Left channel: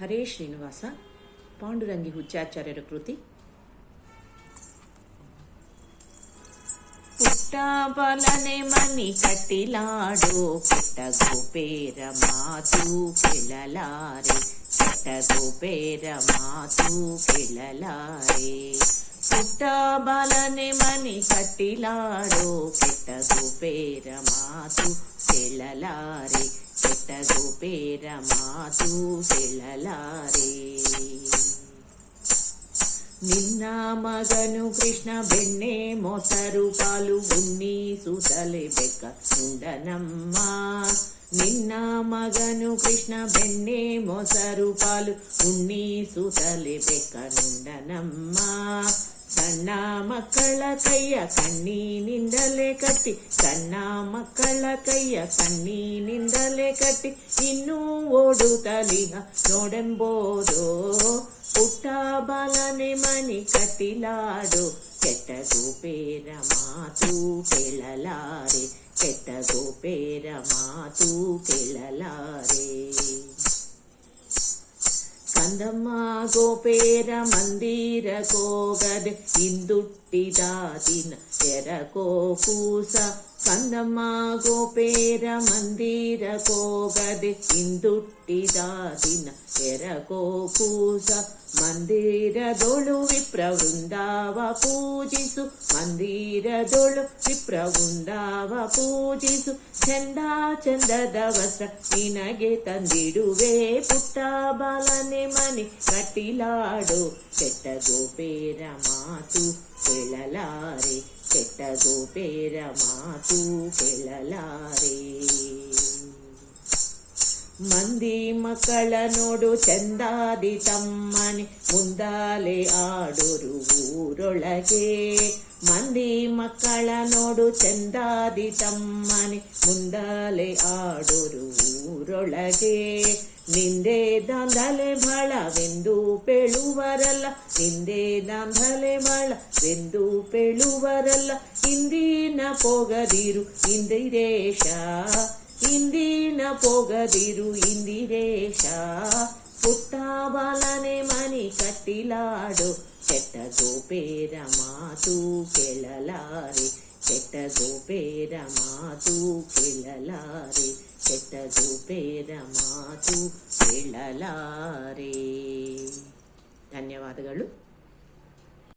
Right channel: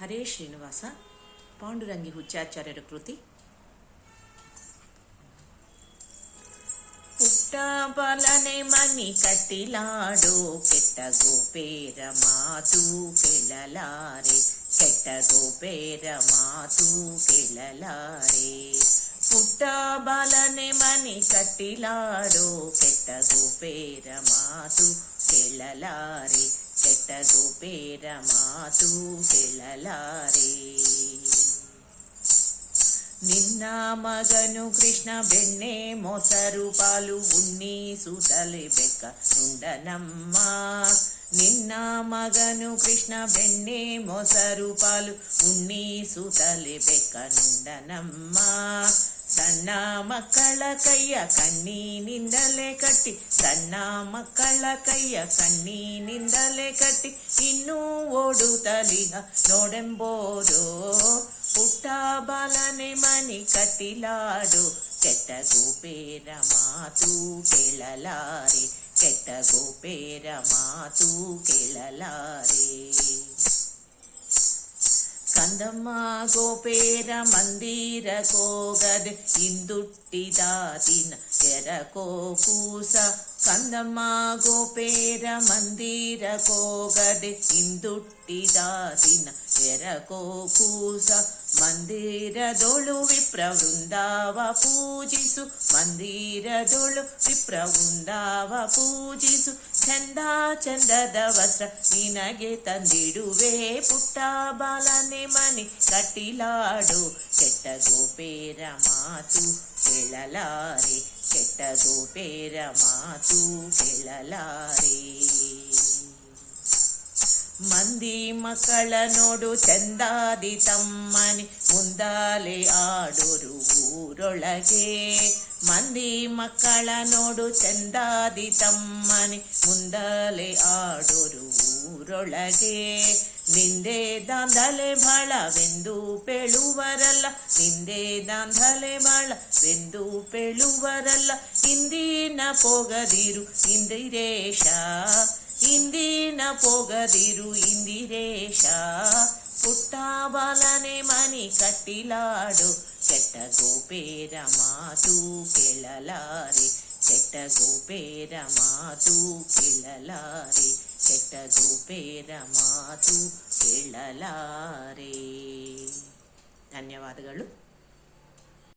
ಹರೇ ಶ್ರೀನಿವಾಸ. ಪಾಂಡುರಂಗಿ ಹುಚ್ಚಾಚಾರ್ಯರ ಕೃತಿ. ಪುಟ್ಟ ಬಲನೆ ಮನಿ ಕಟ್ಟಿಲಾಡೋ ಕೆಟ್ಟ ಗೋಪೇರ ಮಾತು ಕೇಳಲಾರೆ, ಕೆಟ್ಟ ಗೋಪೇರ ಮಾತು ಕೇಳಲಾರೆ. ಪುಟ್ಟ ಬಲನೆ ಮನಿ ಕಟ್ಟಿಲಾಡೋ ಕೆಟ್ಟ ಗೋಪೇರ ಮಾತು ಕೇಳಲಾರೆ, ಕೆಟ್ಟ ಗೋಪೇರ ಮಾತು ಕೇಳಲಾರೆ. ನಿನ್ನ ಮಗನು ಕೃಷ್ಣ ಬೆಣ್ಣೆ ಮೊಸರು ಪಾಲು ಉಣ್ಣಿಸುತ್ತಲೇ ಬೆಕ್ಕ ನುಂಡನಮ್ಮ. ನಿನ್ನ ಮಗನು ಕೃಷ್ಣ ಬೆಣ್ಣೆ ಮೊಸರು ಪಾಲು ಉಣ್ಣಿಸುತ್ತಲೇ ಬೆಕ್ಕ ನುಂಡನಮ್ಮ. ಸಣ್ಣ ಮಕ್ಕಳ ಕೈಯ ಕಣ್ಣಿನಿಂದಲೇ ಕಟ್ಟಿ, ಸಣ್ಣ ಮಕ್ಕಳ ಕೈಯ ಕಣ್ಣಿನಿಂದಲೇ ಕಟ್ಟಿ, ಇನ್ನೂ ಓಡುತ್ತಲಿಹ ನೋಡೆಂಬೋದೋ. ಪುಟ್ಟ ಬಾಲನೆ ಮನಿ ಕಟ್ಟಿಲಾಡು ಕೆಟ್ಟ ಗೋಪೇರ ಮಾತು ಕೇಳಲಾರೆ, ಕೆಟ್ಟ ಗೋಪೇರ ಮಾತು ಕೇಳಲಾರೆ. ಕಂದಮ್ಮ ಗೋಪೇರ ಮಂದಿರ ಕೋಗದೆ ಹಿಂದುಟ್ಟಿದ ದಿನ ಎರಕೋ ಕೂಸ. ಕಂದಮ್ಮ ಗೋಪೇರ ಮಂದಿರ ಕೋಗದೆ ಹಿಂದುಟ್ಟಿದ ದಿನ ಎರಕೋ ಕೂಸ. ಮಂದಿರದೊಳು ವಿಪ್ರ ವೃಂದಾವ ಪೂಜಿಸು, ಮಂದಿರದೊಳು ವಿಪ್ರ ವೃಂದಾವ ಪೂಜಿಸು. ಚಂದ ಚಂದದ ವಸ್ತ್ರ ನಿನಗೆ ತಂದಿಡುವೆ, ಪುಟ್ಟ ಬಾಲನೆ ಮನೆ ಕಟ್ಟಿಲಾಡು ಕೆಟ್ಟ ಗೋಪೇರ ಮಾತು ಕೇಳಲಾರೆ, ಕೆಟ್ಟ ಗೋಪೇರ ಮಾತು ಕೇಳಲಾರೆ. ಮಂದಿ ಮಕ್ಕಳ ನೋಡು ಚಂದಾದಿ ತಮ್ಮನೆ ಮುಂದಾಲೆ ಆಡೋರು ಊರೊಳಗೆ. ಮಂದಿ ಮಕ್ಕಳ ನೋಡು ಚಂದಾದಿ ತಮ್ಮನೆ ಮುಂದಾಲೆ ಆಡೋರು ಊರೊಳಗೆ. ನಿಂದೆ ದಾಂಧಲೆ ಬಾಳವೆಂದು ಪೇಳುವರಲ್ಲ, ನಿಂದೆ ದಾಂಧಲೆ ಬಾಳವೆಂದು ಪೇಳುವರಲ್ಲ. ಇಂದಿನ ಪೋಗದಿರು ಇಂದಿರೇಶ, ಇಂದಿನ ಪೋಗದಿರು ಇಂದಿರೇಶ. ಪುಟ್ಟ ಬಾಲನೆ ಮನಿ ಕಟ್ಟಿಲಾಡು ಕೆಟ್ಟ ಗೋಪೇರ ಮಾತು ಕೇಳಲಾರೆ, ಕೆಟ್ಟ ಗೋಪೇರ ಮಾತು ಕೇಳಲಾರೆ, ಕೆಟ್ಟ ಗೋಪೇರ ಮಾತು ಕೇಳಲಾರೆ. ಧನ್ಯವಾದಗಳು.